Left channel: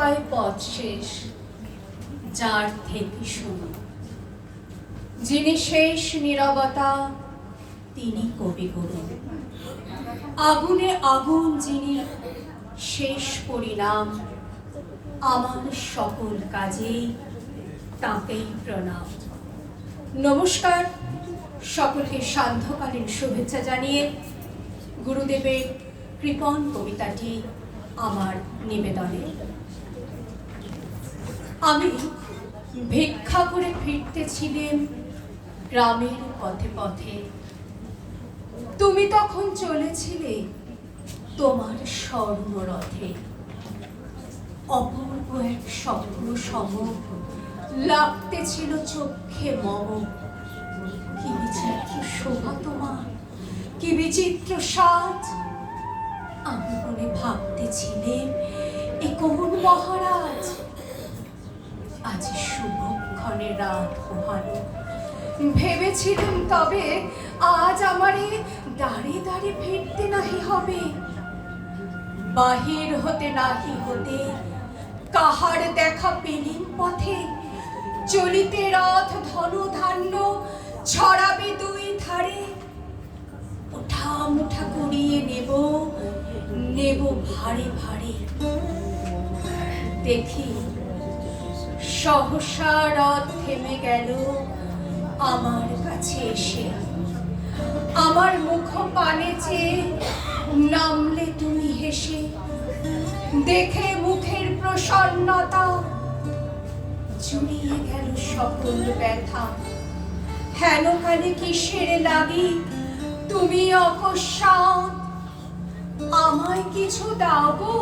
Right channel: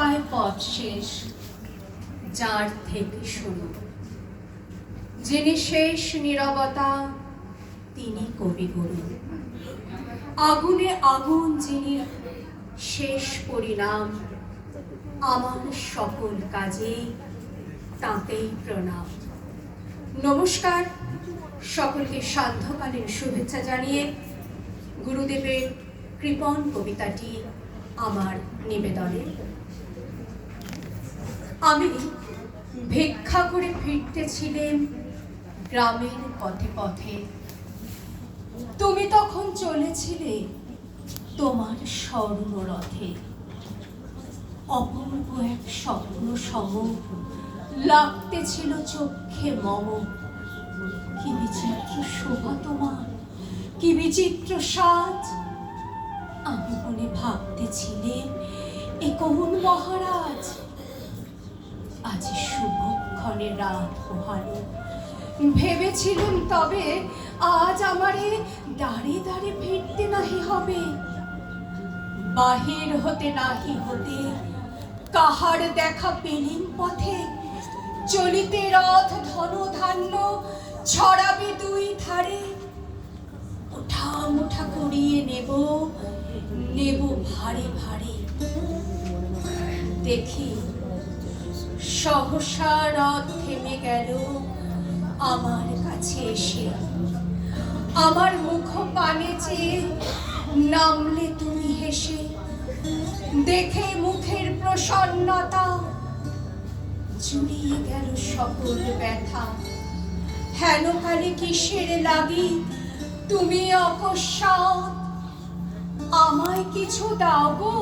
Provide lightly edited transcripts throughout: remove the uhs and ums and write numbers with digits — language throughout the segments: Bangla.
হয় পথ শেষ যার থেকে শুরু, যিনি শেষ নীরবতা তিনি কবিগুরু। আগুনে আগুন যিনি শেষ পরিণাম, আমার সকল কাজে তাঁকেই প্রণাম। নমস্কার, সকলকে সান্ধ্যকালীন শুভেচ্ছা জানিয়ে গুরুদেবের কৃপণ কবিতাটি আমার নিবেদনে। আমি ভিক্ষা করে ফিরতেছিলেন গ্রামের পথে পথে, তুমি তখন চলেছিলে তোমার স্বর্ণরথে। অপূর্ব এক স্বপ্ন সম লাগতেছিল চোখে মম। কি বিচিত্র শোভা তোমার, কি বিচিত্র সাজ। আমি মনে ভাবতেছিলেন এ কোন মহারাজ। আজ শুভক্ষণে রাত পোহালো, ভেবেছিলেন তবে আজ আমারে দাঁড়িয়ে দাঁড়িয়ে ফিরতে নাহি হবে। বাহির হতে নাহি হতে কাহার দেখা পেলেন পথে। চলিতে রথ ধন ধান্য ছড়াবে দুই ধারে। উঠা মুঠা করিয়ে নেব নেব ভারে ভারে। দেখি সহসা রথ থেমে গেল আমার কাছে এসে। আমার মুখ পানে চেয়ে নামলে তুমি হেসে। দেখে মুখের প্রসন্নতা জুড়িয়ে গেল সকল ব্যথা। হেন কানে কিসের লাগি তুমি অকস্মাৎ আমায় কিছু দাও গো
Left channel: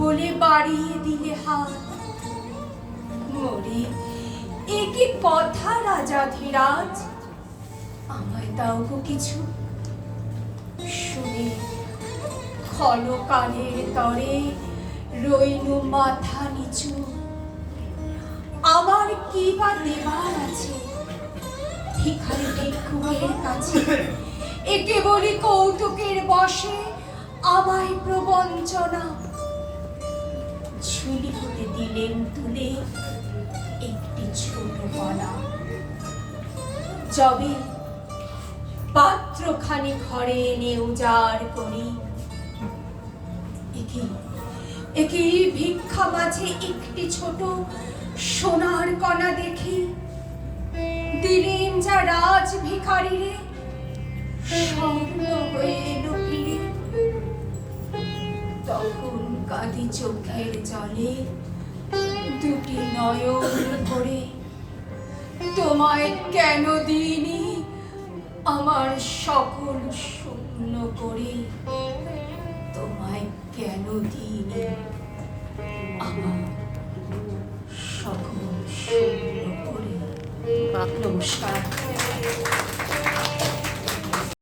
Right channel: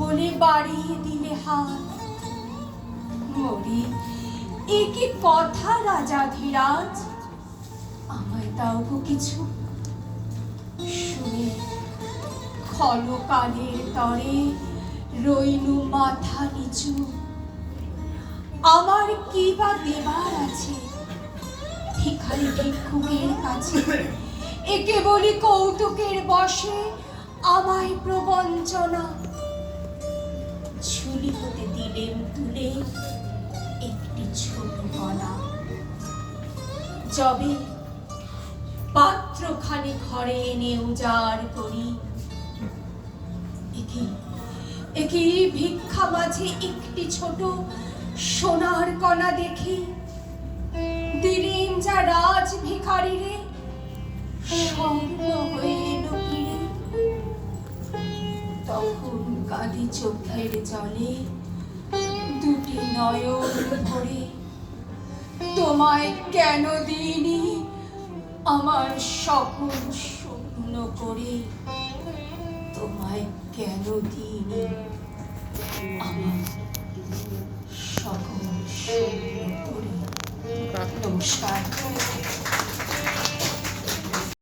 বলে বাড়িয়ে দিলে হাত। মরি এ কি কথা রাজাধিরাজ, আমায় দাও গো কিছু। শুনে খল কানের তরে রইনু মাথা নিচু। আমার কি বা দেবার আছে ভিখারি ভিক্ষুকের কাছে। একে বলি কৌতুকের বশে আমায় প্রবঞ্চনা। ঝুলি হতে দিলেন তুলে একটি ছোট কণা। যবে পাত্রখানি ঘরে এনে উজাড় করি, একে ভিক্ষা মাঝে একটি ছোট সোনার কণা দেখি। দিলেন যা রাজ ভিখারিরে স্বর্ণ হয়ে এলো ফিরে। তখন কাঁদি চোখের জলে দুটি নয়ন ভরে। তোমায় কেন দিইনি আমার সকল শূন্য করে। তোমায় কেন দিইনি আমার সকল শূন্য করে। নমস্কার।